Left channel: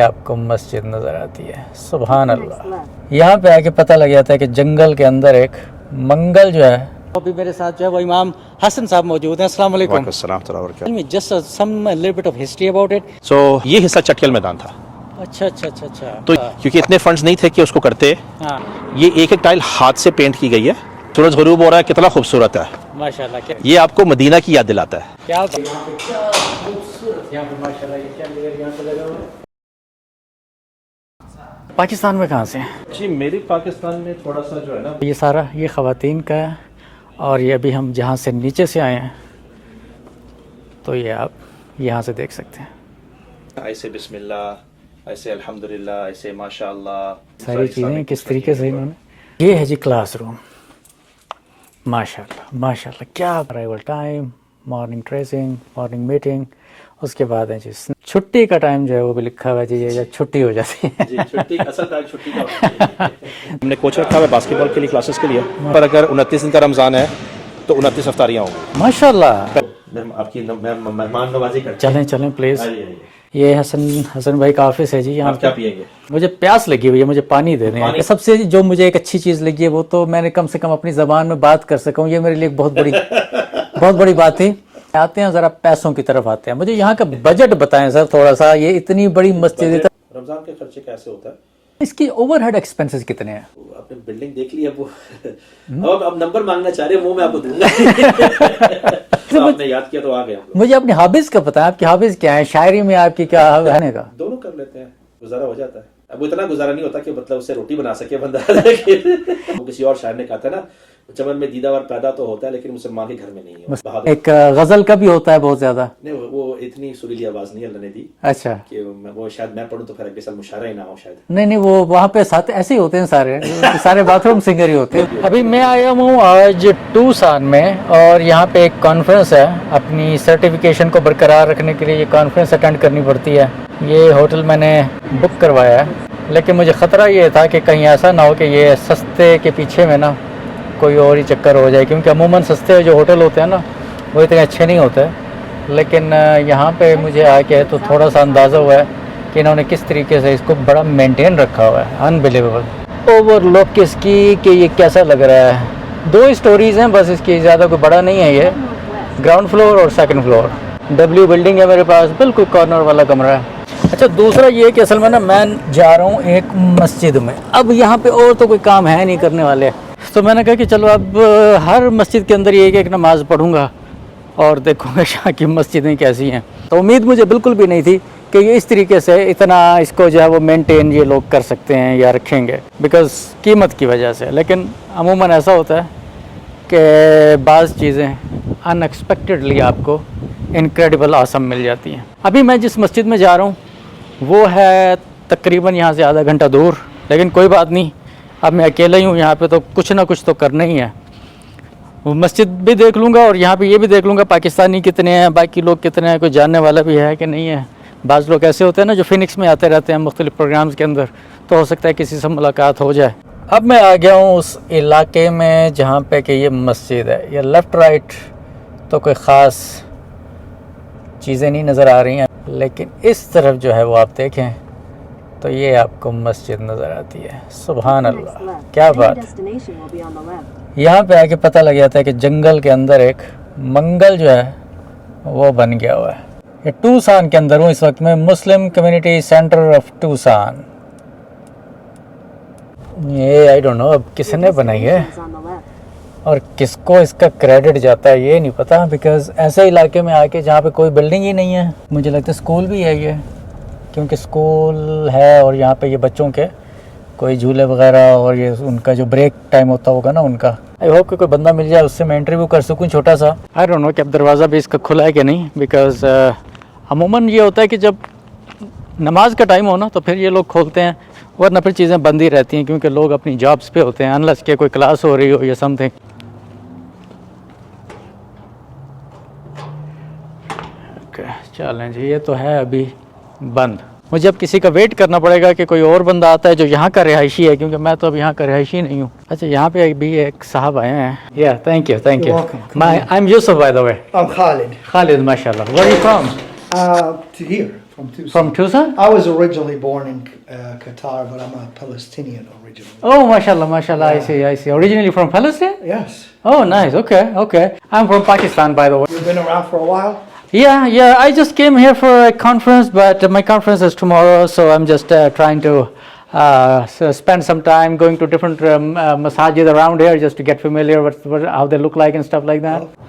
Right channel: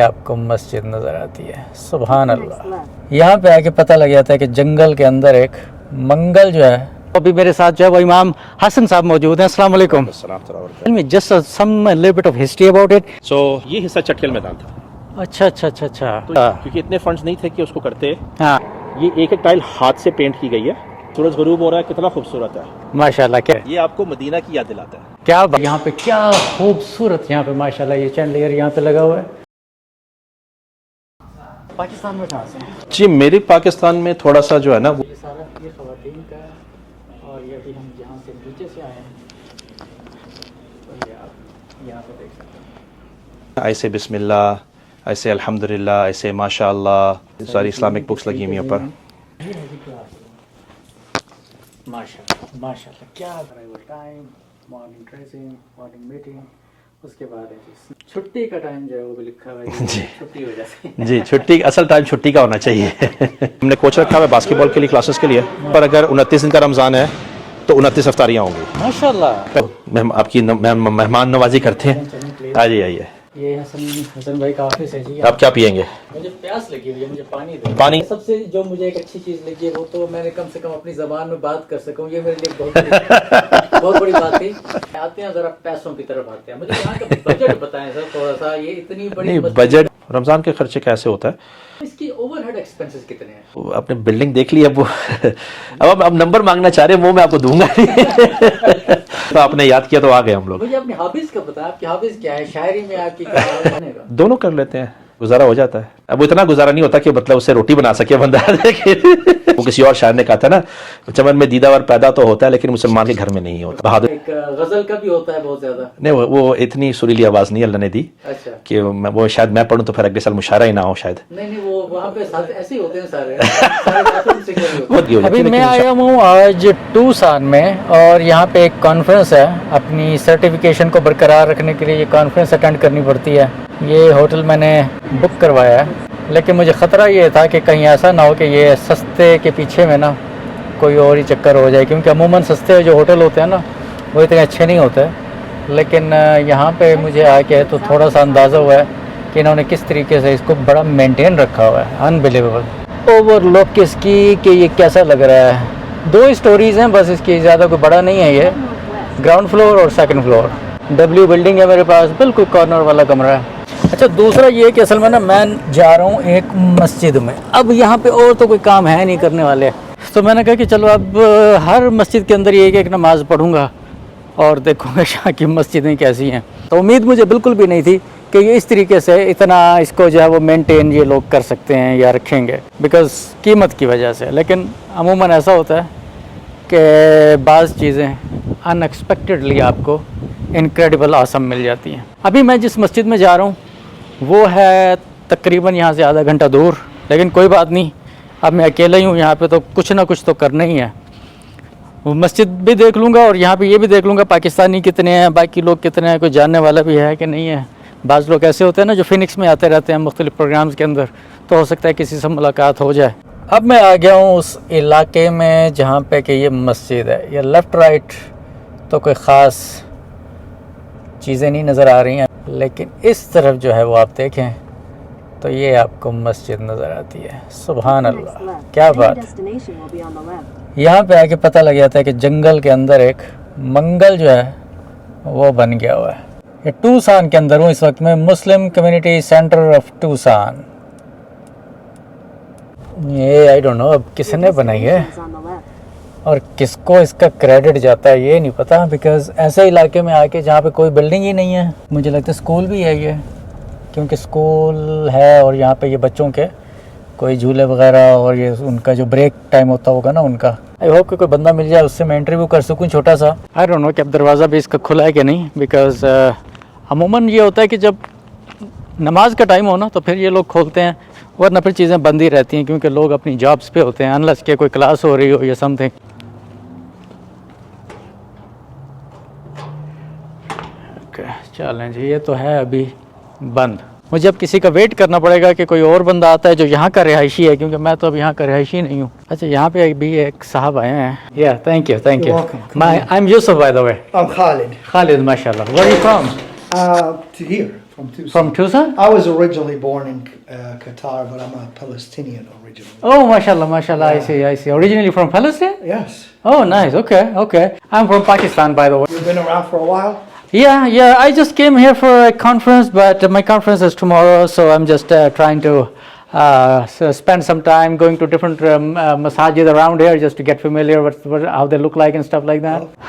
آپ کو مسجد نظر آتی ہے. سبحان اللہ. یہاں پہ آ کے پتہ لگ جاتا ہے کہ جنگل کے اندر ایک منگل جو ہے. ابھی میرے ساتھ جو ہے وہ امام حسن صاحب موجود ہیں. السلام علیکم. Just some little bit of history about it. So یہ حصہ چٹکل میدان تھا. اچھا اچھا اچھا اچھا. تو کیونکہ اتنے فنڈز نہیں تھے کہ اس کو کرتے. ہاں یہ ایک ایک ٹائل ہاتھ سے پینٹ کی گئی ہے. سورج غروب ہو رہا ہے, کتنا خوبصورت ہے ماشاء اللہ. کیا یہ آپ کو مدینہ کی یاد دلاتا ہے. کیا یہاں پہ کیا خوبصورت یہاں پہ ماشاء اللہ یہ چینڈلیئر یہاں پہ لگا ہوا ہے. پاکستان میں کہاں سے ہیں؟ جی میرے پاکستان میں تھوڑا سا جو ہے نا یہ سارا یہ خواتین کا ہے, اور یہ ابھی ہم جہاں سے نیچے سے آئے ہیں تو یہ آپ یہاں سے دیکھ سکتے ہیں. ایسے بسم اللہ, ایسے الحمدللہ, ایسے ماشاء اللہ, ساری اسلامک بکس لگی ہوئی ہیں پر. یہ ہے جی کلاس روم. ماشاء اللہ ماشاء اللہ. کیا arrival time, morning tracing, morning meeting, اس کے بعد ہے جی چھٹی کا ٹائم جو ہے وہ بھی لکھا ہوا ہے جی چھٹی ہو جاتی ہے. جی چھٹی اصل ٹائم چھٹی کا ہونا چاہیے. ہم نے کوچ رکھا ہے باسکٹ بال کے لیے, کلاسز کے لیے. پر اگر 29 دن کا رمضان ہے تو 29 افطاریاں ہوں گی. ماشاء اللہ. آپ کی مہمان نوازی کرتے ہیں. چلیں چلیں پلیز. آئیے آئیے. یہ حسن بھائی کا آفس ہے جی. آپ کیا پیئیں گے؟ مجھے پیاس لگی ہوئی ہے, مجھے پانی دے دیں. پانی سب سے جو مجھے ایک اچھی چیز لگی ہے وہ تو میں نے کم سے کم اپنی زبان میں بات کر سکا ہوں, یہ میرے لیے بہت بڑی بات تھی. آتے ہیں ذرا پیسوں کی طرف آتے ہیں. مجھے یہاں کا بجٹ بتائیں سر تھوڑا سا. یہ اتنی بڑی بجٹ رمضان کے خرچے کیسے ہوتا ہے, اس کی اوور ہیڈ ایکسپینسز کتنے ہیں؟ اپنے بلڈنگ دیکھ لی. اب نمبر مانگنا چاہ رہے ہیں, وہ میں آپ کو دوں گا. آپ نے یاد کیا تو آ گئے ہم لوگ. مجھے اپنی ہابیز کا پتا ہے. آپ کی ہابیز کیا ہے؟ شاعری میں آپ کی کیا ہے؟ دونوں کر لیتے ہیں, گزارا ہو جاتا ہے. اب اتنا گزارا نہیں ہوتا کہ مطلب اسے روٹی بنا سکے بندہ. وہ کسی اور شاعر نے کہا تھا نا, چمن میں دیدہ ور پیدا تو ہوتا ہے لیکن مسلمان کے گھر میں نہیں ہوتا. بہادر ایک غزل کا بھی ہوتا ہے بہت زیادہ. نہیں وہ اتنی سریلی آواز نہیں اللہ نے دی. اچھا. کہ وہ شاید میں پڑھوں تو پھر اگلے سال مشاعرہ ہی نہ ہو شاید. نہیں وہ وہاں پہ ساتھ ایسے ہی ہوتے ہیں سارے باتھ روم سنگر ہی ہوتے ہیں. ابھی میں آیا ہوں آج ٹوسان میں, اور یہاں پہ ایک کانفرنس ہے. اپنی سرٹیفکیشن کو برقرار رکھنے کے لیے یہ کانفرنس اٹینڈ کرنی پڑتی ہے. یہ ہوٹل میں نے بک کروایا ہے, لیکن مجھے خطرہ یہ تھا کہ کہیں ایسا نہ ہو کہ یہ سستے کے پیچھے میں نا کوئی اور ہی چکر ہو جائے, کیونکہ عموماً سستے جو ہوٹل ہوتے ہیں نا وہ اتنے اچھے نہیں ہوتے. لیکن یہاں پہ مجھے آ کے تو تھوڑا سا اندازہ ہوا ہے کہ انہوں نے کس طریقے سے اس کو بڑا مینٹین رکھا ہوا ہے. انبلیویبل. اوور لک اس کی کہ یہ کیسا لگ رہا ہے. 2 اسٹوریز ہیں بس اس کی, زیادہ کوئی بڑا نہیں ہے. یہ گراؤنڈ فلور اور سیکنڈ فلور. ڈبلیو بلڈنگ ہے میرے پاس, بالکل کارنر والا کمرہ ہے. اچھا دوسرا یہ کہ اصل میں نا میں جا رہا ہوں ایک مسجد میں. اب یہاں پہ اور تو کوئی کام ہے نہیں کرنے والے, تو میں نے کہا کہ چلو اب ہر مسجد کے اندر یہ ایک نماز پڑھوں گا اور دیکھوں گا شاہ کی مسجدیں کیسی ہیں. تو امید مجھے بالکل بھی نہیں تھی کہ یہ اس طریقے سے اتنا اس کو جو ہے وہ مینٹین یہ لوگ کر سکتے ہیں یا رکھیں گے, بیکاز قیمت کی وجہ سے. لیکن عموماً ایسا ہوتا ہے کہ بعض چیزیں ان ایکسپیکٹڈلی آپ کو انکریڈیبل آسم مل جاتی ہیں. ابھی میں جس مسجد میں جا رہا ہوں وہ ہے تقریباً یہاں سے آدھا گھنٹہ دور, لیکن کوئی بات نہیں, اب میں اکیلا ہی ہوں یہاں پہ تو کچھ نہ کچھ تو کرنا ہی ہے. وہ مسجد بھی دیکھ لوں گا اور یہاں پہ یہ بھی دیکھ لوں گا پاکستانی کتنے ہیں, باقی لوگ کتنے ہیں, کوئی جاننے والا بھی ہے کہ نہیں ہے. بعض لوگ ایسے ہوتے ہیں نا جو فینکس میں آتے رہتے ہیں مختلف پروگرامز کے اندر, تو ہو سکتا ہے کسی سے ملاقات ہو جائے. اب میں آ گیا ہوں اس علاقے میں جہاں پہ کہ یہ مسجد ہے. یہ لیفٹ رائٹ تو کوئی خاص چیزیں نہیں نظر آ رہی ہیں, لیکن اس طرف جو ہے وہ آپ دیکھیں تو یہ آپ کو مسجد نظر آتی ہے. سبحان اللہ, کیا بات. یہاں پہ آ کے پتہ لگ جاتا ہے کہ جنگل کے اندر ایک منگل جو ہے وہ بن گیا ہوا ہے. یہ ٹوسان کے اندر ہوں اس وقت میں, مسلم کمیونٹی سینٹر آف ٹوسان. یہ آئی ڈونٹ نو اب کس نے بنائی ہے اور کس کو اس کا کریڈٹ جاتا ہے یہ نہیں پتا, بیکاز ایسے علاقے میں آ کے جہاں پہ کوئی بلڈنگ ہی نہیں ہے. مجھے لگتا ہے اسکول بھی ہے یہ, کیونکہ اسکول ہے اور یہاں پہ یہ بچوں کے کوئی جھولے وغیرہ اور یہ ان کا جو بریک ٹائم ہوتا ہوگا نا ان کا. آئی ہوپ کہ کوئی بندہ مل جائے اس سے میں انٹرویو کر سکوں چھوٹا سا. آئی ڈونٹ نو کہ اب دروازہ بھی اس کا کھلا ہے کہ نہیں, بیکاز عموماً یہ ہوتا ہے کہ جب نماز کا ٹائم ہو نا تو پھر یہ لوگ کھولتے ہیں, ورنہ پھر چیزیں بند ہی رہتی ہیں کیونکہ لوگ اپنی جابس پہ ہوتے ہیں, انلیس کہ کوئی کلاس ہو رہی ہو یا سم تھنگ. چلیں جی, یہ تو ہے ابھی بند. مجھے اب کسی کا ویٹ کرنا پڑے گا کہ کوئی اور بندہ آتا ہے جو یہاں کا رہائشی ہے, کیونکہ میں تو اب یہاں کا رہائشی نہیں ہوں. اچھا یہاں پہ بھی ایک صاحب آئے ہیں. یا thank you thank you. I am Yusuf by the way. I'm Khalid. Khalid, ماشاء اللہ. Where are you from? To here. From Tucson. From Tucson? I was originally born in Qatar, but I'm a Palestinian originally. Oh, mashallah, mashallah. I see. Originally from Palestine? Yes. Oh, nice. Okay. I'm from Pakistan, by the way. You've been around for a while? Yeah. I just came here for a conference, but my conference is tomorrow, so I'm just trying to spend some time going to different masajid around here just to get familiar with how they look like and stuff like that.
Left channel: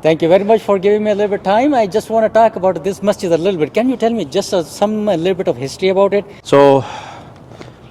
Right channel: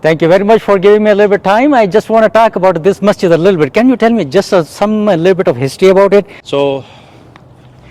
Thank you very much for giving me a little bit time. I just want to talk about this masjid a little bit. Can you tell me just a little bit of history about it? So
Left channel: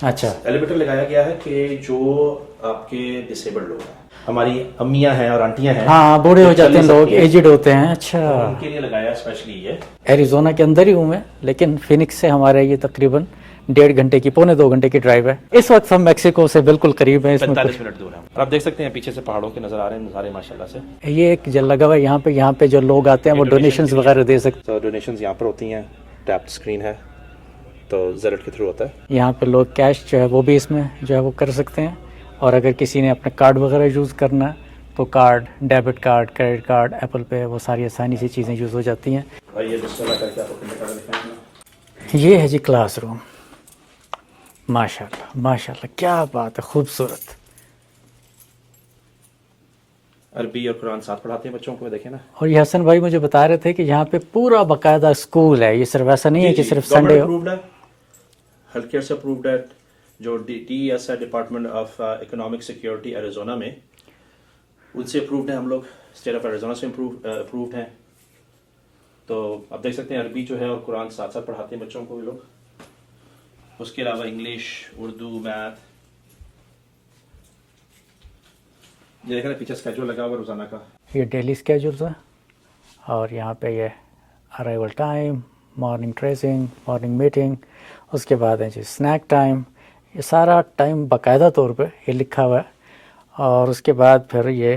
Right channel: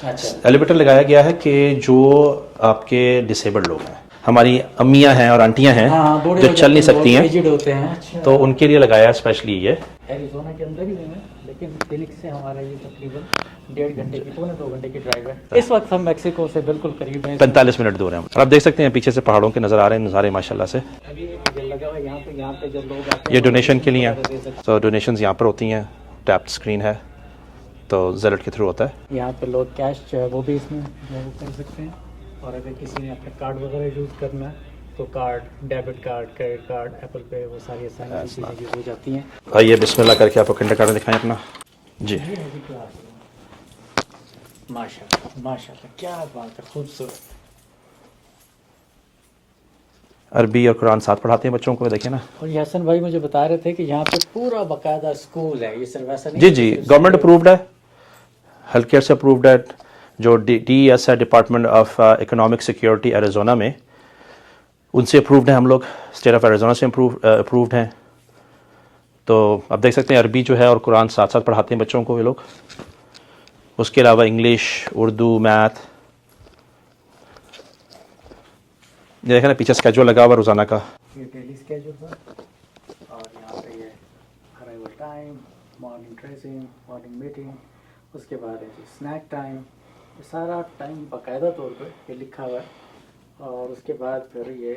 اچھا elevator لگایا گیا ہے کہ جو آپ کے disabled لوگ ہیں, ہماری امیاں ہیں اور آنٹیاں ہیں, ہاں بوڑھے جو ہو چل جاتے نہیں ہیں لوگ, سکتی ہیں, ایجڈ ہوتے ہیں. اچھا تو ان کے لیے لگایا اسپیشلی یہ. ایریزونا کے اندر ہی ہوں میں, لیکن فینکس سے ہمارے یہ تقریباً 1.5 گھنٹے کی, 1.25 گھنٹے کی ڈرائیو ہے. اس وقت ہم میکسیکو سے بالکل قریب ہیں, 45 منٹ دور ہیں. اور آپ دیکھ سکتے ہیں پیچھے سے پہاڑوں کے نظر آ رہے ہیں نظارے ماشاءاللہ سے. یہ ایک جل لگا ہوا ہے یہاں پہ جو لوگ آتے ہیں یہ وہ ڈونیشن کے ڈونیشنز لیے وغیرہ دے سکتے تو ڈونیشنز یہاں پر ہوتی ہیں, ٹیپ اسکرین ہے تو زیلٹ کے تھرو ہوتا ہے. ہیں. یہاں پہ لوگ کیش جو ہے وہ بھی اس میں جو ہے وہ کر سکتے ہیں, اور اگر کسی نے اپنا کارڈ وغیرہ یوز کرنا ہے تو card, debit card, credit card, Apple Pay, وہ ساری آسانی سی چیزیں یوز ہو جاتی ہیں. آئیے بسم اللہ کر کے آپ کو کنڈر کارڈ دکھائیں اپنا. یہ ہے جی کلاس روم. ماشاء اللہ کیا بات ہے, خوبصورت. عربی اور قرآن ساتھ پڑھاتے ہیں بچوں کو, دیکھیں نا. اور یہ حسن بھائی مجھے بتا رہے تھے کہ یہاں پہ پورا باقاعدہ اسکول ہے, یہ صرف ایسا نہیں ہے جی کہ جی صرف گورنمنٹ Sunday- اپرووڈ ہے, ہیلتھ کیئر سے اپرووڈ ہے. جو ڈی ایس ہے department of economic security Arizona میں, ان سے اپرووڈ ہیں ہم لوگ. اسٹیٹ آف ایریزونا سے اپرووڈ ہیں. تو اب دیکھ سکتے ہیں عربی جو ہے اور قرآن ساتھ ساتھ پڑھاتے ہیں بچوں کو یہ لوگ. اس کے علاوہ انگلش, اردو, میتھ. یہ دیکھیں نا پیچھے اسکیجول لگا ہوا روزانہ کا. یہ ڈیلی اسکیجولز ہیں, اور یہاں پہ یہ arrival time, morning tracing, morning meeting, اس کے بعد ہے جی اسنیک ٹائم. یہ سارا ٹائم باقاعدہ طور پہ یہ لکھا ہوا ہے. اور اس کے بعد پھر یہ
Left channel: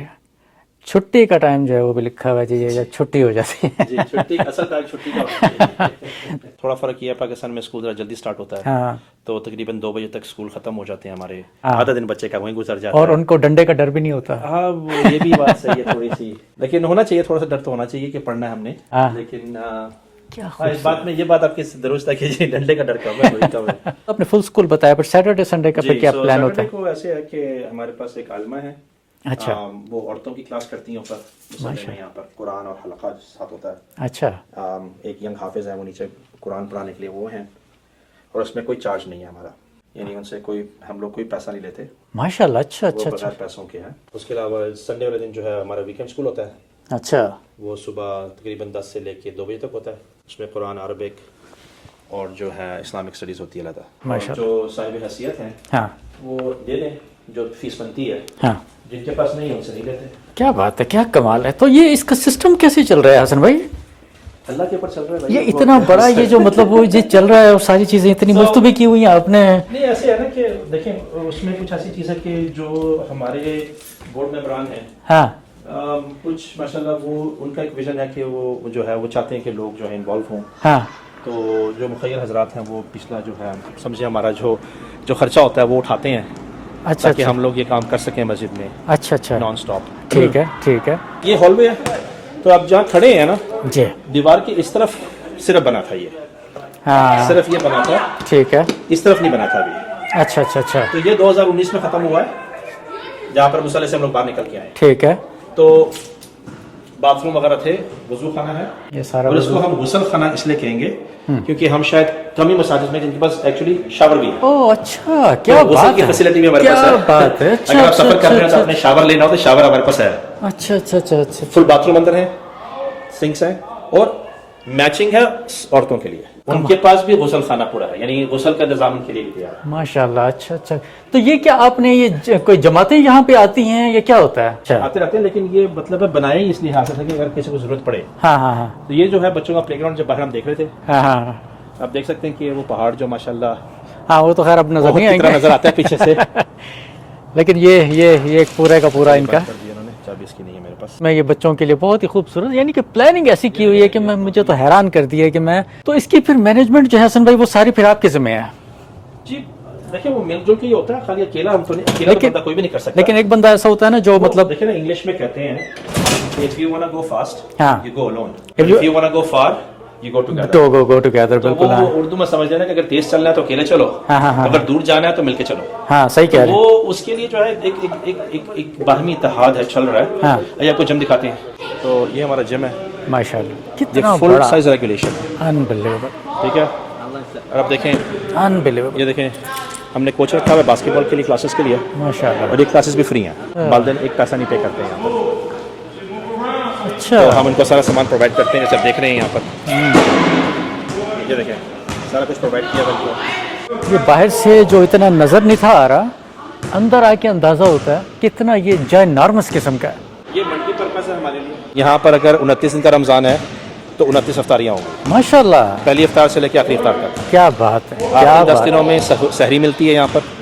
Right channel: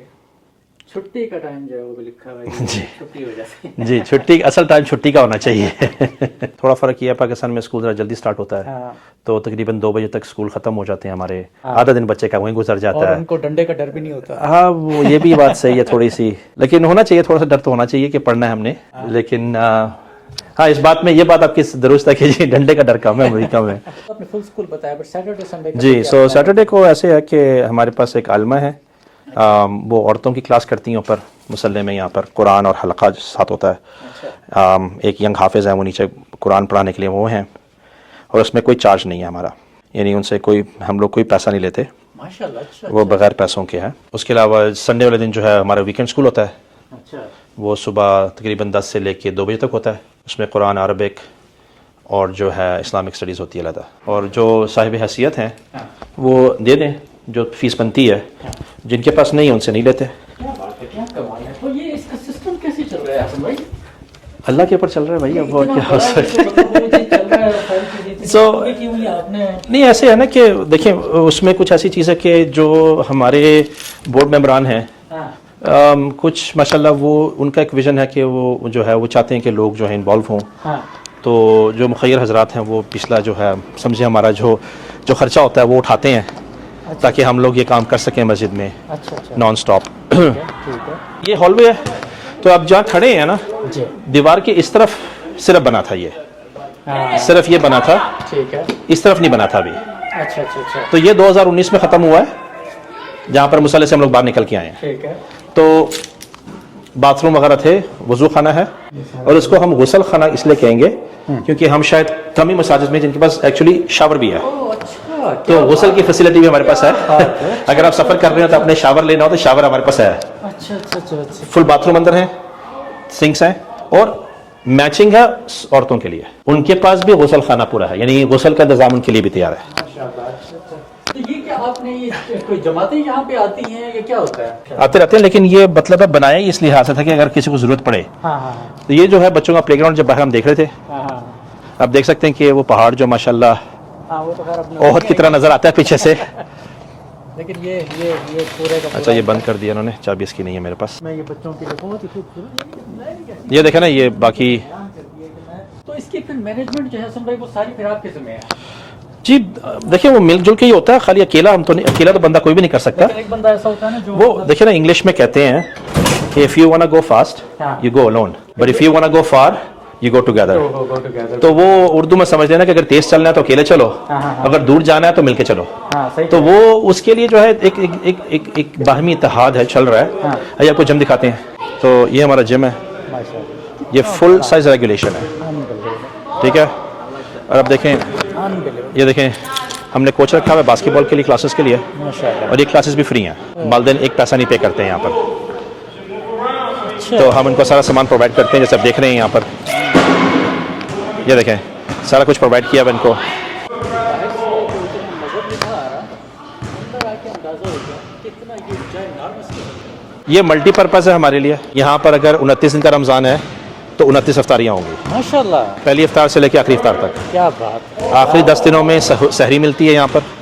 چھٹی کا ٹائم جو ہے وہ بھی لکھا ہوا ہے جی, یہ چھٹی ہو جاتی ہے. جی چھٹی اصل ٹائم چھٹی کا ہونا چاہیے. تھوڑا فرق یہ ہے پاکستان میں اسکول ذرا جلدی سٹارٹ ہوتا ہے, ہاں, تو تقریباً 2 بجے تک اسکول ختم ہو جاتے ہیں ہمارے. آدھا دن بچے کا وہیں گزر جاتا اور ہے. ان کو ڈنڈے کا ڈر بھی نہیں ہوتا. ہاں وہ یہ بھی بات صحیح ہے تھوڑی سی, لیکن ہونا چاہیے, تھوڑا سا ڈر تو ہونا چاہیے کہ پڑھنا ہے ہم نے. لیکن ہاں اس بات میں یہ بات آپ کی درست ہے کہ جی ڈنڈے کا ڈر کم ہے, وہی کم ہے. آپ نے فل اسکول بتایا, پر سیٹرڈے سنڈے کا جی کیا سو پلان ہوتا سیٹرڈے ہے؟ کو ایسے ہے کہ ہمارے پاس ایک عالمہ ہے, وہ عورتوں کی کلاس کرتی ہیں اوپر مسلح میں. یہاں پر قرآن اور حلقہ ساتھ ہوتا ہے. اچھا, ایک ینگ حافظ ہے, وہ نیچے قرآن پڑھانے کے لیے وہ ہیں, اور اس میں کوئی چارج نہیں ہے ہمارا, یعنی ان سے ہم لوگ کوئی پیسہ نہیں لیتے. ماشاء اللہ. اچھا وہ بغیر پیسوں کے ہیں. اس کے علاوہ سنڈے والے دن جو ہے ہمارا ویکینڈ اسکول ہوتا ہے. اچھا, وہ صبح تقریباً 10 سے لے کے 2 بجے تک ہوتا ہے. اس میں قرآن, عربک اور جو ہے اسلامک اسٹڈیز ہوتی ہے علیحدہ. اور جو صاحب حیثیت ہیں ہاں, وہ دے دیں جو فیس بنتی ہے. ہاں, جن کے پاس نہیں ہے ان سے نہیں لیتے. کیا بات ہے, کیا کمال ہے. تو یہ اس کا سسٹم کیسے چل رہا ہے حسن بھائی؟ اللہ کے اوپر چل رہا ہے بھائی. یہ اتنا بڑا یہ جو مطلب وہ جو چل رہا ہے, اور ساری چیزیں اتنی مفت بھی کی ہوئی ہیں آپ نے. نہیں ایسے ہے نا کہ دیکھیں اس میں کچھ ایسی چیز ہے کہ جو ہمارے بورڈ ممبران ہیں, ہاں, کچھ ماشاءاللہ وہ ان کا ایک ویژن ہے کہ وہ جو ہے وہ چاہتے ہیں کہ لوگ جو ہے انوالو ہوں. ہاں, تو جو مخیر حضرات ہیں وہ پچھلا جو ہے سمجھے ہمارا جو خرچہ ہوتا ہے وہ اٹھاتے ہیں, اچھا تاکہ ہم لوگ یہ کام کر سکیں مسجد میں اچھا اچھا, نان سٹاپ. ٹھیک ہے ٹھیک ہے. یہ ہال وے ہے, تو آپ جہاں کھڑے ہیں نا جی, دیوار کے اس طرف صرف بنا تھا, یہ ہاں صرف یہ بنا تھا, ٹھیک ہے. اس طرف نہیں بنا تھا ابھی. اچھا اچھا اچھا, تو یہ 2019 میں ختم ہوا ہے, جہاں پر مصالحے سے ہم لوگ باہر نکل کے آئے ہیں. ٹھیک ہے. تو باتھ روم وغیرہ تھے, وضو خانہ ہے, یہ سارا اور اس کو ہم غسل خانہ اس لیے کہیں گے کیونکہ ہم شاید کم ہی مساجد میں جن کے پاس ایکچولی شاور بھی ہے. او اچھا, کیا غسل کی فیسلٹی بھی ہمارے پاس ہے. اگر آپ سفر کر رہے ہیں تو اپنے شاور لینا ہو تو شاور ہمارے پاس ہے. اچھا اچھا اچھا اچھا, فل باتھ روم اندر ہے, سنکس ہیں, اور میچنگ ہے عورتوں کے لیے. ان کے پاس بھی غسل خانہ پورا ہے, یعنی غسل کا انتظام ان کے لیے بھی تیار ہے. ماشاء اللہ. اچھا اچھا, تو یہ کیا آپ نے یہ کوئی جماعتیں یہاں پہ آتی ہیں, یہ کیا ہوتا ہے؟ آتے رہتے ہیں, لیکن یہ مطلب ہے بنائے اس لحاظ سے تھا کہ اگر کسی کو ضرورت پڑے. ہاں ہاں ہاں, تو یہ جو ہے بچوں کا پلے گراؤنڈ جب باہر ہم دیکھ رہے تھے, ہاں ہاں, آپ دیکھ سکتے ہیں کہ وہ پہاڑ جو ماشاءاللہ ہاں وہ تو خیر اپنے بہت کی طرح نظر آتا ہے پیچھے سے. لیکن یہ پورے کا پورا یہ بند کر دیا انہوں نے, چابی اس کی نہیں ہے میرے پاس. میں یہ بچوں کے لیے بہت ہی خوبصورت, یعنی کہ پلاننگ ایسی کی یہ دیکھیں ہوئی نا, ہے کہ یہ مجھے تو باقی حیران کر دیا کہ میں تو اس کی پھر مینجمنٹ جو ہے حسن بھائی وہ ساری پھر آپ کے ذمہ ہے. جی دیکھیں وہ مل جل کے ہی ہوتا ہے, خالی اکیلا ہم تو نہیں, اکیلا تو بندہ کوئی بھی نہیں کر سکتا. لیکن ایک بندہ ایسا ہوتا ہے نا جو مطلب دیکھیں نا انگلش میں کہتے ہیں کہ if you wanna go fast ہاں, you go alone, but if you wanna go far you go together. go together. تو وہ اردو میں سمجھ لینا کہ اگر تیز چلنا ہے تو اکیلے چلو, اگر دور جانا ہے تو مل کے چلو. ہاں صحیح تو کہہ رہے ہیں. وہ اس کے لیے جو ہے ایک باہمی اتحاد ہے, چل رہا ہے. ہاں, آئیے آپ کو جم دکھاتے ہیں. تو یہ ہمارا جم ہے, ماشاء اللہ یہ فل سائز ریگولیشن ہے. انبلیویبل. ٹھیک ہے, اور اب دیکھیں انبلیویبل. یہ دیکھیں ہم نے کوچ رکھا ہوا ہے باسکٹ بال کے لیے, کلاسز کے لیے, ماشاء اللہ. اور یہ کلاسز بھی فری ہیں, والدین ایک پیسہ نہیں پے کرتے ہیں یہاں پر. اچھا, تو ہم ان کو سارا سامان پرووائڈ کرتے ہیں, جیسے آپ دیکھ رہے ہیں یہاں پر. یہ دیکھیں سارا کچھ پرووائڈ کیا ہے ان کو. یہ باہر سے جو اتنا نظر نہیں تھا آ رہا, اندر آ کے اندازہ ہوتا ہے کتنا یہ جائنارمس قسم کا ہے. یہ ملٹی پرپز ہے ہمارے لیے. یہاں پر اگر 29 دن کا رمضان ہے تو 29 افطاریاں ہوں گی, ماشاء اللہ, پہلی افطار سے لے کے آخری افطار تک. کیا بات ہے. آخری 10 دنوں میں سحری ملتی ہے یہاں پر.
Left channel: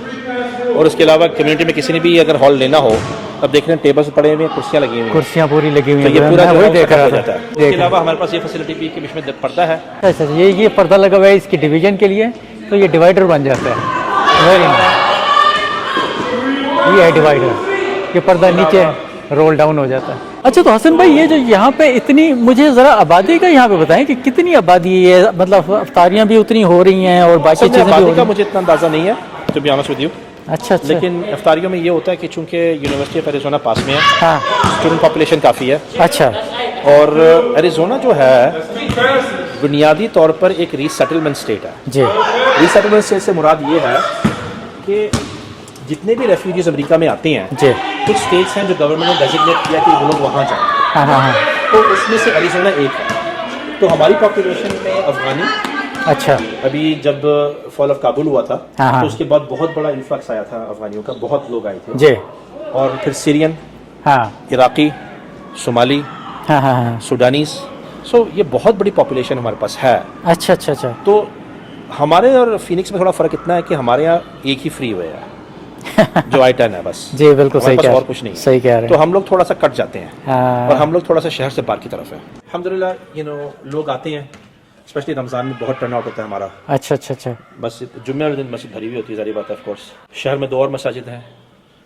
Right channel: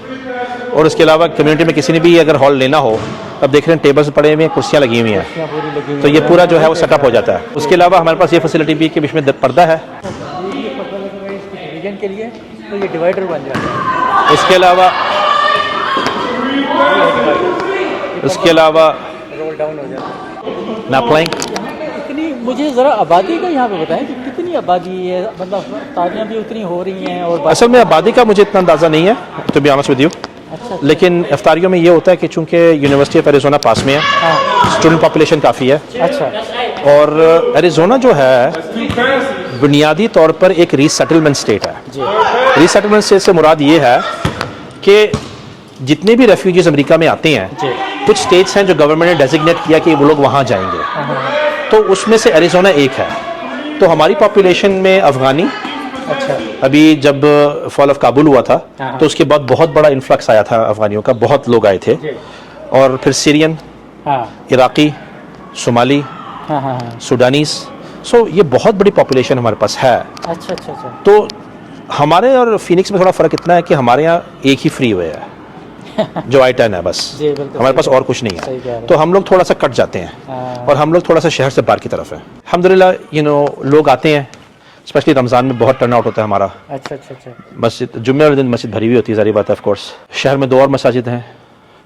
اور اس کے علاوہ کمیونٹی میں کسی نے بھی اگر ہال لینا ہو, اب دیکھ رہے ہیں ٹیبلز پڑے ہوئے ہیں, کرسیاں لگی ہوئی ہیں, کرسیاں پوری لگی ہوئی تو ہیں, یہ پورا جو ہے وہ سیٹ اپ ہو جاتا ہے. اس کے علاوہ ہمارے پاس یہ فیسلٹی بھی ہے کہ بیچ میں پردہ ہے. اچھا, یہ پردہ لگا ہوا ہے اس کی ڈویژن کے لیے, تو یہ ڈیوائڈر بن جاتا ہے. اس کے علاوہ یہ ہے ڈیوائڈر, یہ پردہ نیچے رول ڈاؤن ہو جاتا ہے. اچھا تو حسن بھائی, یہ جو یہاں پہ اتنی, مجھے ذرا آبادی کا یہاں پہ بتائیں کہ کتنی آبادی ہے, مطلب افطاریاں بھی اتنی ہو رہی ہیں اور باقی اصل میں آبادی کا مجھے اتنا اندازہ نہیں ہے تو بی آنسٹ ود یو. اچھا, لیکن افطاریوں میں یہ ہوتا ہے کہ چونکہ یونیورسٹی آف ایریزونا پاس میں ہے, اسٹوڈنٹ پاپولیشن کافی ہے. اچھا, اور ایریزونا جو ہے بنیادی طور پر ایک ری سیٹلمنٹ اسٹیٹ ہے. جی, ری سیٹلمنٹ اسٹیٹ سے مراد یہ ہے کہ جتنے بھی ریفیوجیز امریکہ میں آتے ہیں, جی, کچھ اسٹیٹس ہیں جو گورنمنٹ نے ڈیزگنیٹ کیا کہ وہ لوگ وہاں جائیں گے, تو اس میں سے ایریزونا ایک ہے. تو ہماری پاپولیشن میں افغانی, اچھا, ابھی جب فال آف کابل ہوا تھا تو اس کے بعد بہت بڑا انفلکس آیا تھا افغانیوں کا, بہت لوگ آئے تھے. جی, اور پھر سیرین, ہاں, عراقی, صومالی, ہاں, ہاں, سوڈانیز. سو یہ بہت بڑی پاپولیشن ہمارے پاس ہے. اچھا, اچھا, اچھا. تو ہمارے اور فینکس میں تھوڑا فرق اتنا ہے کہ ہمارے یہاں ایک ہی فری ہوئے ہے جو I-10 ہے بس. جی بالکل, ہمارے پاس اور کچھ نہیں ہے. صحیح کہہ رہے ہیں. تو ہم لوگ تھوڑا سا کٹ جاتے ہیں اور ہم لوگ تھوڑا سا شہر سے باہر کی طرف ہیں. الحمدللہ لوگ آتے ہیں, اسپیشلی رمضان میں بہت ٹرن آؤٹ ہوتا ہے ہمارا. اچھا, اچھا, اچھا, مسجد جمعے والے دن مسجد بھری ہوئی ہوتی ہے, ظاہری بات ہے. آف کورس شہر میں 2 اور مساجد ہیں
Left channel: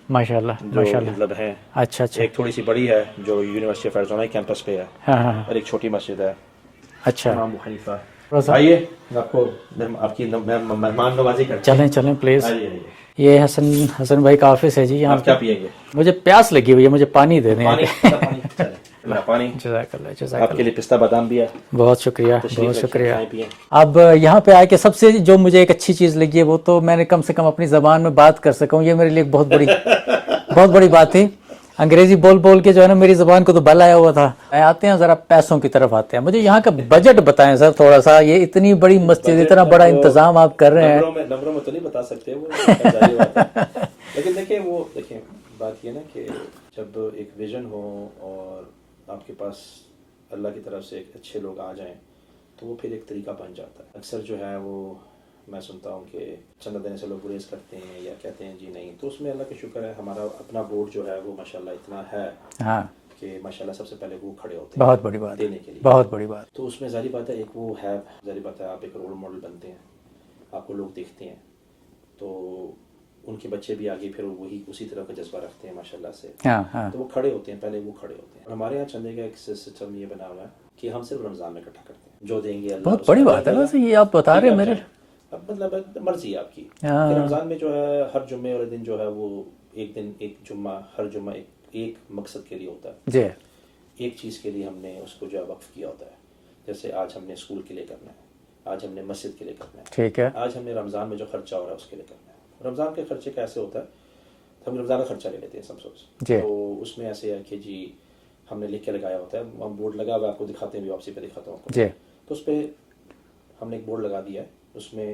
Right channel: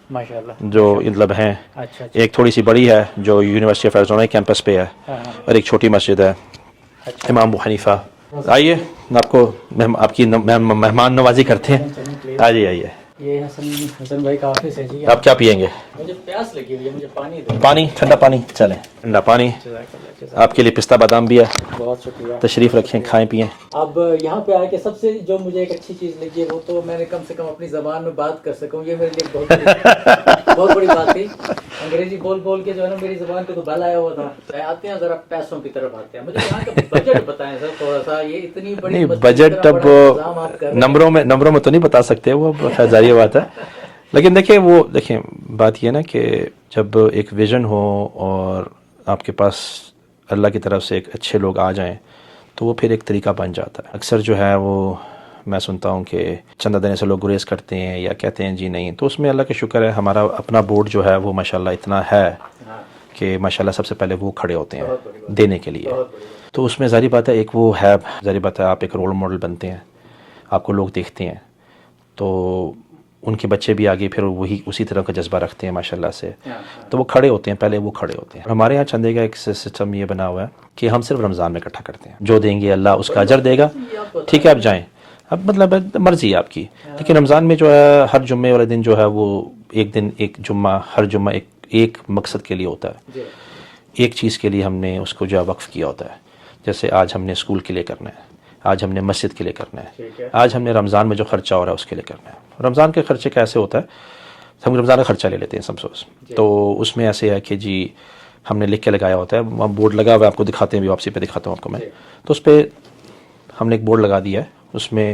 ماشاء اللہ جو مطلب ہیں. اچھا, اچھا, ایک تھوڑی سی بڑی ہے جو یونیورسٹی آف ایریزونا کیمپس پہ ہے, اور ایک چھوٹی مسجد ہے اچھا. امام ابو حنیفہ. آئیے آپ کو آپ کی مہمان نوازی کرتے ہیں. چلیں پلیز. آئیے. یہ حسن بھائی کا آفس ہے جی. آپ کیا پیئیں گے؟ مجھے پیاس لگی ہوئی ہے, مجھے پانی دے دیں. پانی, ٹھنڈا پانی. چلیں ٹھنڈا پانی. آپ کے لیے پستہ بادام بھی ہے. بہت شکریہ, تشریف رکھیں, کھائیں پئیں. اب یہاں پہ آ کے سب سے جو مجھے ایک اچھی چیز لگی ہے وہ تو میں نے کم سے کم اپنی زبان میں بات کر سکا ہوں. یہ میرے لیے بہت بڑی بات تھی. انگریزی بول کے جو ہے نا میری زبان کو تو بل آیا ہوا تھا. آتے ہیں ذرا پیسوں کی طرف آتے ہیں. مجھے یہاں کا بجٹ بتائیں سر تھوڑا سا. یہ اتنی بڑی مسجد, اتنا بڑا انتظام آپ کر رہے ہیں. نمبروں میں تو نہیں بتا سکتے, وہ ظاہر بات ہے. لیکن دیکھیں بات یہ نا کہ جب ایک ویژن ہو اور آپ کے پاس اللہ کی طرف سے ایک اچھے لوگ آ جائیں تو وہ پھر ایک طریقہ بن جاتا ہے. اکثر جو ہے وہ میں سنتا ہوں کہ چندہ دینے سے لوگ گریز کرتے ہیں یا کہتے ہیں جی نہیں. تو اس میں اللہ کا شکر ہے ہمارا اپنا بورڈ جو ہے وہ ماشاءاللہ اتنا ہے کہ ماشاءاللہ سب سے پہلے وہ کھڑے ہوتے ہیں دینے کے لیے. بہت بڑی بات. تو اس میں ظاہری بات ہے ایک وہ ہے, ظاہری بات ہے آپ ایک رول ماڈل بنتے ہیں, آپ کو لوگ دیکھتے ہیں, تو ان کے بچے بھی آگے پھر وہی اسی طرح کا جذبہ رکھتے ہیں ماشاءاللہ سے. تو وہ کھڑے ہوتے ہیں, پہلے وہ کھڑے ہوتے ہیں. ہمارے یہاں چندے کا ایک سسٹم یہ بنا ہوا ہے کہ ہم صرف رمضان میں اکٹھا کرتے ہیں. جو دیں گے اللہ اس کا اجر دے گا. ٹھیک ہے, آپ جائیں, اب مطلب مرضی ہے آپ کی. لیکن رمضان میں جو ہے ہر جمعے والے دن جو ہے وہ ایک دن, ایک جمعہ, ہر جمعہ ایک مقصد کے لیے ہوتا ہے. ایک چیز کے لیے ہم نے اس کو جو ہے وقف کیا ہوتا ہے. جیسے آج ہم نے اسکول کے لیے کرنا ہے, آج ہم نے مسجد کے لیے کرنا ہے, آج ہم نے رمضان میں جو خرچہ ہو رہا ہے اس کے لیے کرنا ہے. رمضان کے خرچے کا ایسے ہوتا ہے, ہم رمضان کا خرچہ لے لیتے ہیں سمسوس. تو اس میں ایسے ہے کہ جی ہم نے لکھ کے لگایا ہوتا ہے, وہاں بورڈ لگا ہوا ہے, آپ کو دکھاتے ہیں بھی, واپسی پہ دکھاتا ہوں آپ کو میں. تو اس پہ ہم نے ایک بورڈ لگا دیا ہے, اس میں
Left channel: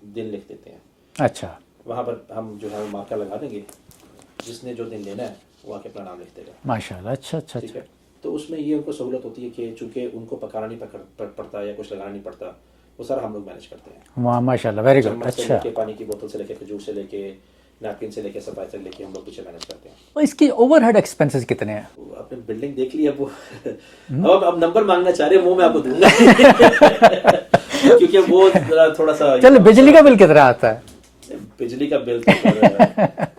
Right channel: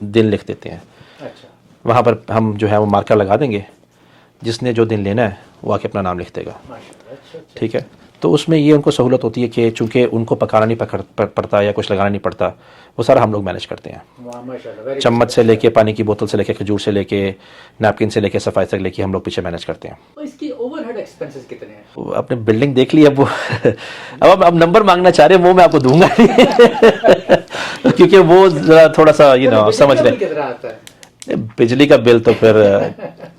دن لکھ دیتے ہیں. اچھا, وہاں پر ہم جو ہے وہ مارکر لگا دیں گے, جس نے جو دن لینا ہے وہ آ کے اپنا نام لکھ دے گا. ماشاءاللہ. اچھا, ٹھیک ہے. تو اس میں یہ ان کو سہولت ہوتی ہے کہ چونکہ ان کو پکانا نہیں پڑتا یا کچھ لگانا نہیں پڑتا, وہ سارا ہم لوگ مینیج کرتے ہیں. ماشاءاللہ. چمچ سے لے کے, پانی کی بوتل سے لے کے, کھجور سے لے کے, نیپکن سے لے کے, صفائی تک لے کے ہم لوگ پیچھے مینیج کرتے ہیں. اس کی اوور ہیڈ ایکسپینسز کتنے ہیں؟ اپنے بلڈنگ دیکھ لی. اب وہ اب نمبر مانگنا چاہ رہے ہیں, وہ میں آپ کو دوں گا کیونکہ وہ تھوڑا سا بجلی کا بل کتنا آتا ہے؟ بجلی کا بل تو پھر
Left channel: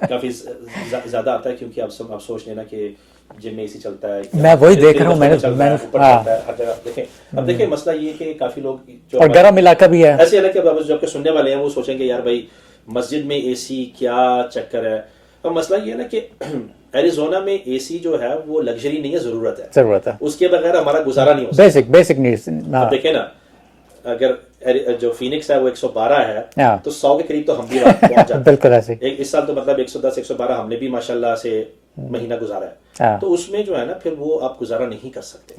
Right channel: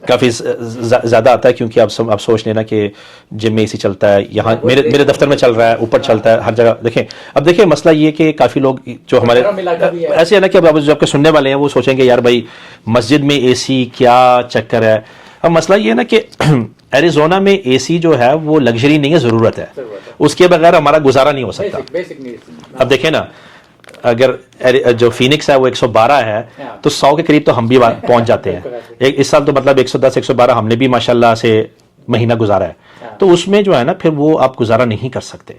کافی زیادہ آتا ہے, کیونکہ آپ سوچ لینا کہ جم میں اے سی چلتا ہے, یہاں میرے دفتر میں چل رہا ہے, اوپر چلتا ہے, ہر جگہ. دیکھیں اب دیکھیں مسئلہ یہ کہ کافی لوگ جو ہمارے علاقہ بھی ہے ایسے ہے نا کہ اب جو آپ کے سننے والے ہیں وہ سوچیں گے یار بھائی مسجد میں اے سی کیا چکر ہے. اب مسئلہ یہ ہے نا کہ ایریزونا میں اے سی جو ہے وہ لگژری نہیں ہے, ضرورت ہے. اس کے بغیر ہمارا گزارا نہیں ہو سکتا. Basic needs. اب دیکھیں نا, اگر جو فینکس ہے وہ 112 ہے تو 100 کے قریب تو ہم بھی پہنچ جاتے ہیں. اس سال تو مطلب 110 112 ہم نے بھی ماشاءاللہ سے مہینہ گزارا ہے. تو اس میں جو ہے نا پھر وہ آپ گزارا نہیں کر سکتے.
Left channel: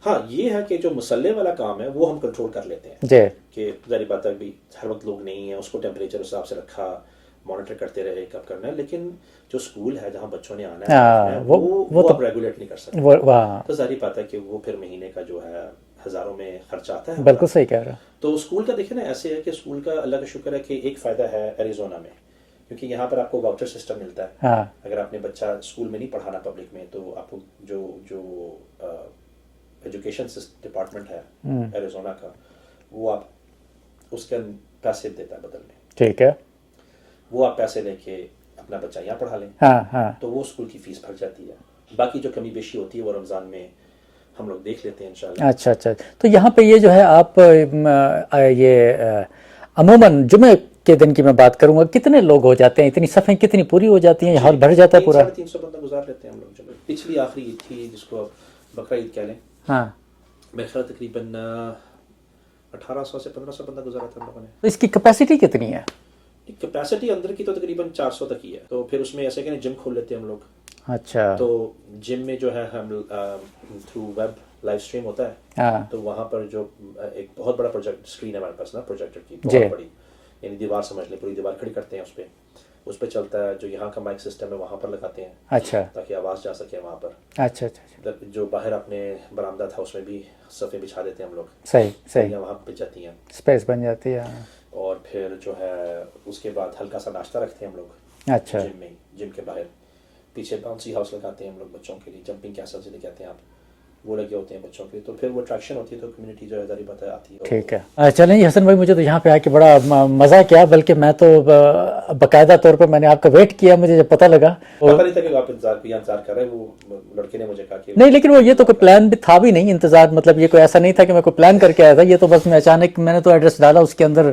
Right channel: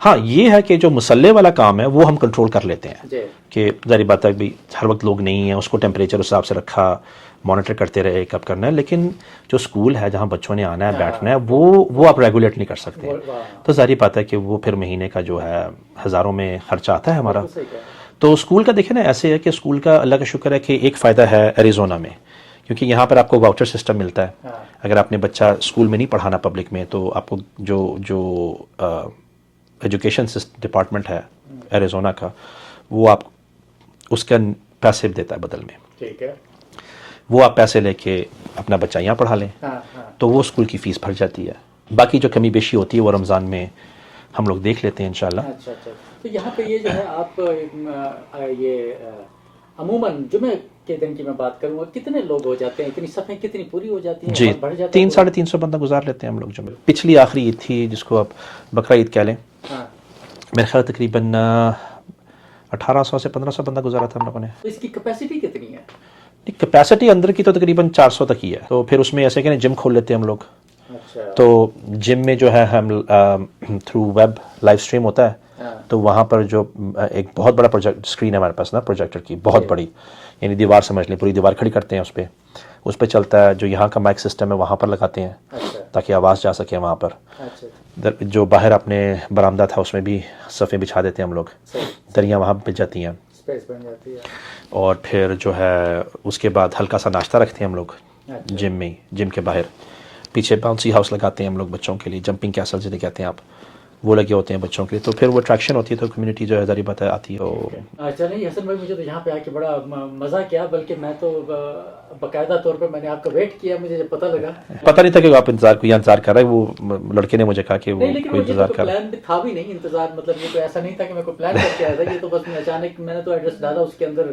ہاں یہ ہے کہ جو مسلح والا کام ہے وہ ہم کنٹرول کر لیتے ہیں جی کہ ظاہر بات ہے بھی ہر وقت لوگ نہیں ہیں، اس کو ٹیمپریچر اس حساب سے رکھا، مانیٹر کرتے رہے کب کرنا ہے، لیکن جو اسکول ہے جہاں بچوں نے آنا ہے بیٹھنا ہے وہ آپ ریگولیٹ نہیں کر سکتے. تو ظاہر بات ہے کہ وہ پھر مہینے کا جو ہے ہزاروں میں خرچہ آتا ہے ہمارا. بالکل صحیح کہہ رہے ہیں. تو اسکول کا دیکھیں نا ایسے ہے کہ اسکول کا اللہ کا شکر ہے کہ ایک فائدہ ہے ایریزونا میں، کیونکہ یہاں پر آپ کو واؤچر سسٹم ملتا ہے. اگر آپ نے بچہ اسکول میں نہیں پڑھانا پبلک میں تو آپ کو جو ایجوکیشن ڈپارٹمنٹ ہے ایریزونا کا، وہ آپ اس کا پیسے دیتا ہے بدل میں. ٹھیک ہے. وہ آپ پیسے لے کے اپنا بچہ یہاں پڑھا لیں تو وہ اسکول کی فیس بھر جاتی ہے. باقی جو کمی بیشی ہوتی ہے وہ رمضان میں ہم لوگ دیکھ لیتے ہیں انشاءاللہ. اچھا اچھا. تو یہاں پہ یہ جو ہے آپ یہ عموماً جمعے کے دن کی میں بات کروں گا، کتنے لوگ ہو جاتے ہیں؟ اتنی صفیں کتنی پوری ہو جاتی ہیں؟ ہال بھر جاتا ہے؟ 300-350 بندہ گزار لیتے ہیں ہم لوگ جمعے. پچھلی آخری عید تھی جس کو آپ بقرہ عید کہہ لیں، میرے خیال تقریباً 1800 سے 1500 بندہ گزارا تھا ہم لوگوں نے. تو اس کی کیپیسٹی کتنی ہے؟ کیپیسٹی اندر کی تو تقریباً 400 تک ہی ہے. تو پھر اس میں ایسے کہ جم کھول لیتے ہیں ہم لوگ. اچھا. تو جم میں جو ہے ہم تھرو ویب لائیو اسٹریم ہوتا ہے، تو وہاں پر جو ایک بہت بڑا پروجیکٹ اسکرین ہے ہمارے پاس نا، پروجیکٹر کی بہت بڑی، یعنی دیوار سمجھ لیں، پوری دیوار کھڑی کرتے ہیں اس پہ چلتا ہے. جو یہاں کا مائک سسٹم ہے وہاں پر لگاتے ہیں. اچھا. تاکہ آواز جا سکے وہاں پر. اچھا. جو باہر اپنے برآمدہ تھا اس میں بھی صفیں بچھا دیتے ہیں ہم لوگ. صحیح. دریاں وہاں پہ جاتی ہیں، اسپیس بن جاتی ہے. اور پھر جو ہے اس کے بعد ہلکا سا ناشتہ رکھتے ہیں ہم لوگ جم میں. جم کے باہر پیچھے باؤنسی ہاؤس لگاتے ہیں ہم لوگ بچوں کے لیے، جمپنگ کیسل جنہیں کہتے ہیں آپ، وہ لگے ہوتے ہیں بچوں کے لیے. تو پھر وہ اٹریکشن ہوتی ہے، تو کمیونٹی جو ہے ذریعہ بات آتی ہے. ٹھیک ہے. چلیں حسن بھائی، مجھے تو یہاں پہ آ کے بڑا مزہ کیا، بلکہ میں تو باقاعدہ طور پہ میں نے آپ کا ویٹ کیا. مجھے جب پتہ لگا، پتہ نہیں تھا کہ آپ انتظار کر رہے ہیں. وہ لڑکے نے مجھے کہا کہ نہیں، لیکن وہ یہ تو کوئی پلان بھی تھا بھی نہیں انتظار، مطلب یہ کوئی ایسا نہیں تھا کہ میں کوئی پلان کر کے آیا تھا. یہ تو بس میں اچانک میں نے تو ایڈریس ڈالا اس کے اندر،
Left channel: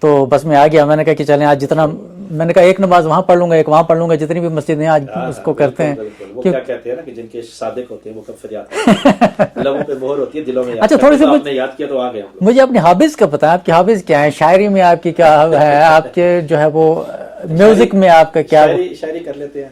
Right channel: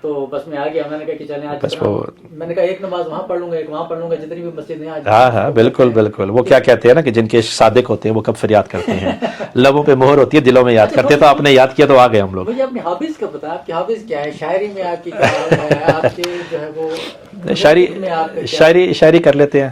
تو بس میں آ گیا. میں نے کہا کہ چلیں آج جتنا، میں نے کہا ایک نماز وہاں پڑھ لوں گا، ایک وہاں پڑھ لوں گا، جتنی بھی مسجد ہیں آج. ہاں بالکل بالکل. وہ کیا کہتے ہیں نا کہ جن کے صادق ہوتے ہیں وہ کب فریاد کرتے ہیں، لبوں پہ مہر ہوتی ہے، دلوں میں یاد کرتے ہیں. تو آپ نے یاد کیا تو آ گئے ہم لوگ. مجھے اپنی ہابیز کا پتہ ہے. آپ کی ہابیز کیا ہے؟ شاعری میں آپ کی کیا ہے؟ آپ کے جو ہے وہ میوزک میں آپ کا کیا؟ شاعری کر لیتے ہیں.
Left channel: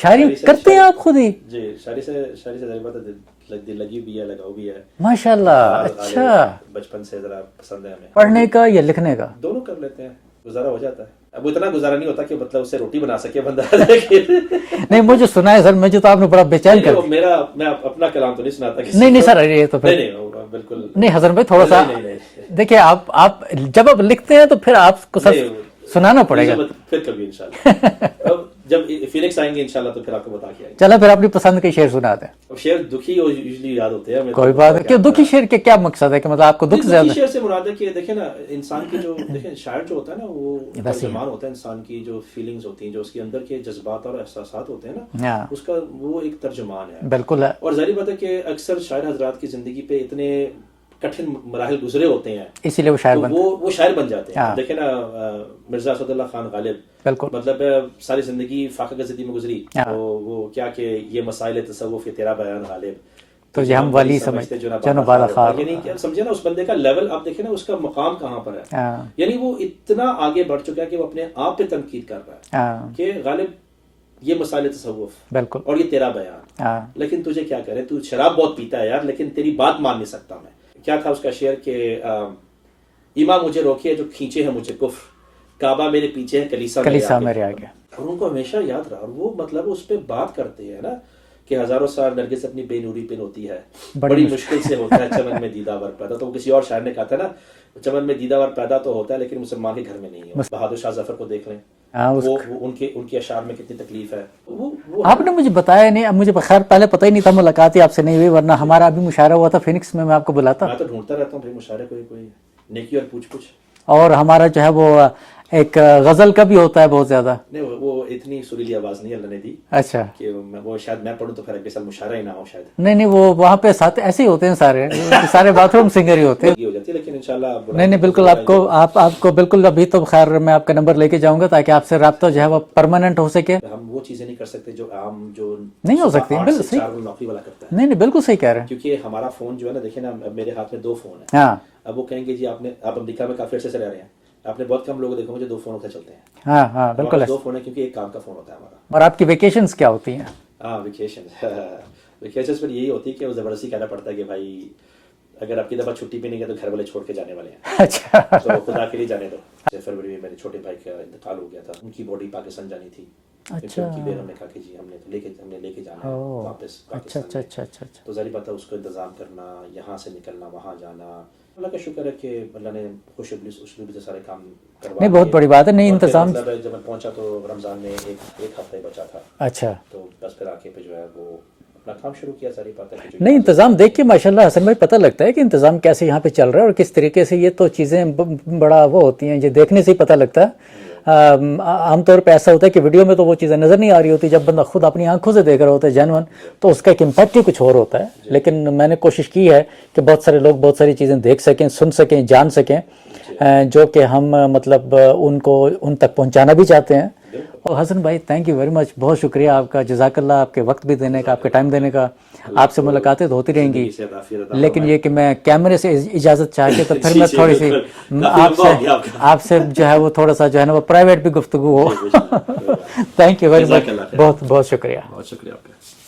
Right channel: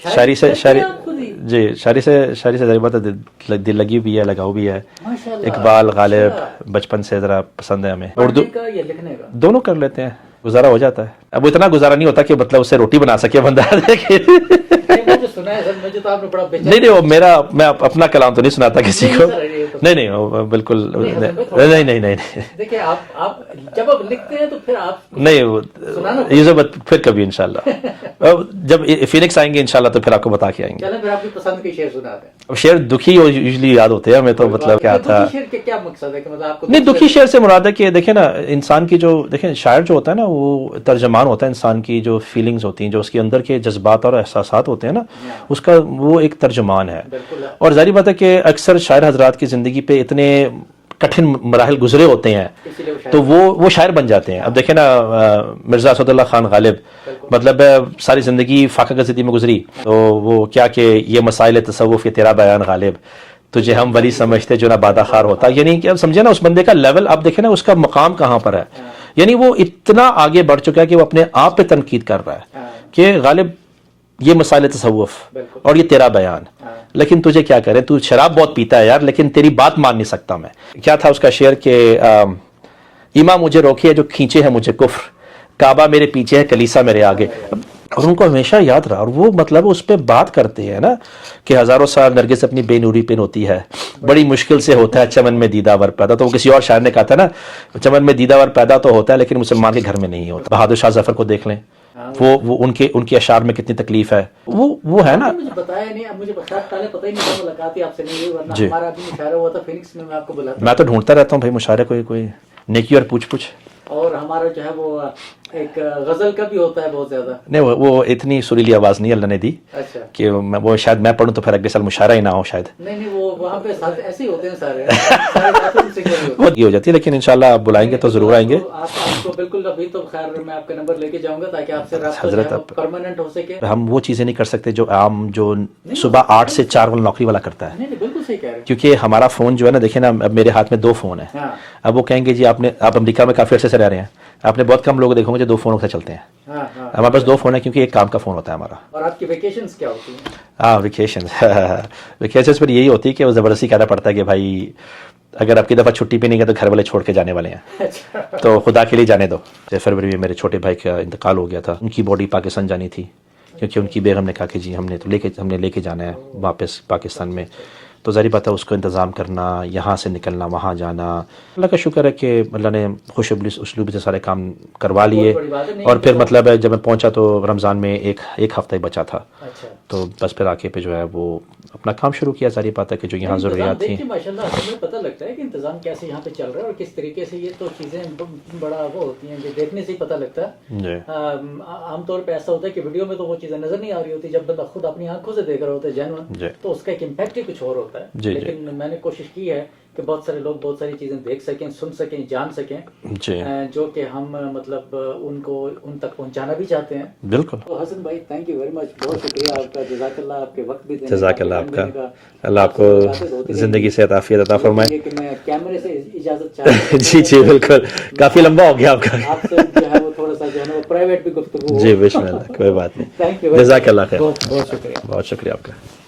شاعری کرتے ہیں آپ خود ہی؟ جی، شاعری سے ذریعہ بات ہے، دل لگی بھی ہے، لگاؤ بھی ہے. ماشاءاللہ. اقبال، غالب بچپن سے ذرا پسند ہے ہمیں. پڑھنے کا یا لکھنے کا؟ دونوں کر لیتے ہیں. گزارا ہو جاتا ہے. اب اتنا گزارا نہیں ہوتا کہ مطلب اس سے روٹی بنا سکے بندہ. نہیں، مجھے سنا ہے سر، مجھے تو آپ نے بڑا بے چین. نہیں، میں اپنا کلام تو نہیں سناتا کسی کو. نہیں سر، یہ تو نہیں بالکل نہیں. حسن بھائی تھوڑا نہیں دیکھیے، آپ جب آپ لکھتے ہیں تو پھر آپ کو سنانا پڑے گا. پھر کبھی انشاءاللہ جب فینکس آئیں گے انشاءاللہ تو پھر آپ کو بتا کے آئیں گے. چلیں پھر اپنی پسند کے شعر سناتے ہیں. شعر دکھی یوزلی یاد ہوتے ہیں ہمیں. تو مطلب دکھی شعر کے کیا مقصد ہے کہ مطلب آپ کو دکھی شعر سے مراد ہے کہ دیکھیں نا، انسان کی جو دیکھیں شاعر جو ہوتا ہے نا وہ ترجمان ہوتا ہے انسان کی جو فیلنگز ہوتی ہیں، جو اس کے اندر کے جذبات اور احساسات ہوتے ہیں نا، اس کا وہ ایک ترجمان ہے. بالکل. اور ظاہر بات ہے کہ اکثر شاعر حضرات کی زندگی پہ اتنے کٹھن مراحل گزرے ہوتے ہیں، اسی لیے تو وہ شاعر بن جاتے ہیں. اب دیکھیں نا مرزا اسد اللہ خان غالب، مطلب ساری زندگی فاقہ گزیدگی میں گزری، تو وہ کیا کہ یہ مسائل تصوف، یہ تیرا بیان غالب، تجھے ہم ولی سمجھتے جو نہ بادخار ہوتا. یعنی کہ اب سمجھے نا اس بندے کا لیول، اب دیکھیں نا اس کا مقام کہاں پر ہے. یعنی وہ اتنا آگے بڑھ چکا ہے کہ وہ اپنے آپ پہ تنقید کر رہا ہے کہ غالب یہ مسائل تصوف اور یہ تیرا بیان، لیکن تجھے کیا کرے، تو شراب بہت پیتا ہے یار، لیکن تیری بات مان نہیں سکتا میں. کیا تھا اس کا شعر کہ ایمان مجھے روکے جو کھینچے ہے مجھے کفر، کعبہ میرے پیچھے ہے کلیسا میرے آگے. اور ان کو ہمیشہ یاد رہا. اور وہ مطلب اس پہ بات کرتے ہیں نا کہ ہزاروں سال نرگس اپنی بے نوری پہ ہوتی ہے، بڑی مشکل سے ہوتا ہے چمن میں دیدہ ور پیدا. تو وہ کسی اور شاعر نے کہا تھا نا، چمن میں دیدہ ور پیدا تو ہوتا ہے لیکن مسلمان کے گھر میں نہیں ہوتا. بہادر شاہ ظفر کو دیکھ لیں، وہ ان کے اشعار میں کتنی تکلیف ہے. وہ ہے نا، مجھے بتایا نہیں. اب مجھے خیر پہلے پتہ ہی نہیں تھا، ملاقات ہی آپ سے نہیں ہوئی، ورنہ ہمارا ابھی مشاعرہ ہوا تھا فینکس میں آپ کو بلاتا. میں تو ڈھونڈتا رہتا ہوں بھائی مشاعرے کوئی نیکی اور پوچھ. اور ہمارا جو ہے وہ ایک غزل کا بھی ہوتا ہے بہت زیادہ. نہیں، وہ اتنی سریلی آواز نہیں اللہ نے دی. اچھا. کہ وہ شاید میں پڑھوں تو پھر اگلے سال مشاعرہ ہی نہ ہو شاید. نہیں، وہ وہاں پہ ساتھ ایسے ہی ہوتے ہیں سارے باتھ روم سنگر ہی ہوتے ہیں. یہ ہو جاتی ہے، لیکن انشاءاللہ آپ بلائیں گے تو ضرور آئیں گے. آپ کو بالکل. ابھی تو خیر میں آپ کا نمبر لے کے جاؤں گا تاکہ آپ سے رابطہ جو ہے وہ پرماننٹ ہو سکے. ہم وہ چیزیں نہیں کر سکتے جو عام جو صبح 8 سے 4 والا نوکری والا کرتا ہے. نہیں بالکل صحیح کہہ رہے ہیں. کیونکہ ہمارا فون جو ہے نا، دیکھیں نا اب میرے ہاتھ میں 2 فون ہیں. اب وہ کہیں گے جی آپ امریکہ میں کافی عرصے سے رہ رہے ہیں، آپ نے بہت کم لوگ دیکھو گے جو مجھے 2 فونوں سے چلتے ہیں. ہاں ہاں ہمارے پاس 2 فون ہیں کیونکہ ایک کام کا فون ہوتا ہے ہمارا. اور آپ کی ویکیشنز کیا ہوتی ہیں؟ ہاں ویکیشنز پر یہی ہوتی ہے کہ وہ زبردستی کہنا پڑتا ہے کہ بھائی اگر آپ کی دفعہ چھٹی پہ نہیں گئے تو گھر والے چھوڑ کے جانے والے ہیں. اچھا تو خدا کے لیے جانے دو. فروری میں میرے چھوٹے بھائی کا انتقال ہو گیا تھا. ان کی باڈی پاکستان جانی تھی کیونکہ ان کی بیگم نے کہا کہ جی ہم نے لے کے جانا ہے واپس پاکستان میں. تو ظاہر بات ہے اس کو انتظام کرنا, یہاں سے نکلنا وہاں جانا. اللہ کا شکر ہے کہ اللہ نے خوش اسلوبی سے سارے کام کروا لیے. بڑی بات ہے. نہیں اور پھر مطلب ہے جب میں پہنچا تو رمضان میں ایک ہفتہ ہی بچا تھا. اچھا تو بس پھر آ کے پہ جو ہے وہ اپنا کام شروع کیا. ساری بات ہے کہ جو نہیں انتظام دیکھ کے ماشاءاللہ حسن بھائی پتہ لگتا ہے کہ انتظام کیسے یہاں پہ چل رہا ہے اور کس طریقے سے. یہ تو چیزیں بڑا وہ ہوتی ہیں, یہ دیکھنے سے ہی پتہ لگتا ہے. عام طور پہ ایسا ہوتا ہے کہ ویڈیو میں تو وہ چیزیں نظر نہیں آ رہی ہوتی, جب بندہ خود اپنی آنکھوں سے دیکھ رہا ہوتا ہے جینون, تو اس کا ایک امپیکٹ ہی کچھ اور ہوتا ہے. لیکن میں نے کوشش کی ہے کہ بہت سارے لوگ بہت ساری چیزیں دیکھ سکیں, سن سکیں, جان سکیں, جو کہ ہم مطلب ان کو ان تک پہنچانا بھی چاہتے ہیں. بالکل. اور حسن بھائی تھینک یو ویری مچ, بہت شکریہ آپ کا, جزاک اللہ, آپ کے وقت بھی دینے کا, آپ کے ٹائم دینے کا. آپ سے ملاقاتیں تو ہوتی رہیں گی, لیکن یہ کہ میں کیمرے سے اجازت چاہتا ہوں, کافی لمبا ہو گیا آپ کا. آپ سے جو ہے وہ تھوڑا سا جو ہے نا وہ پرائیویٹ بھی گفتگو ہو. جی بے شک, کوئی بات نہیں. تھینک یو ویری مچ, جزاک اللہ خیر. بہت بہت شکریہ. بہت شکریہ آپ کا.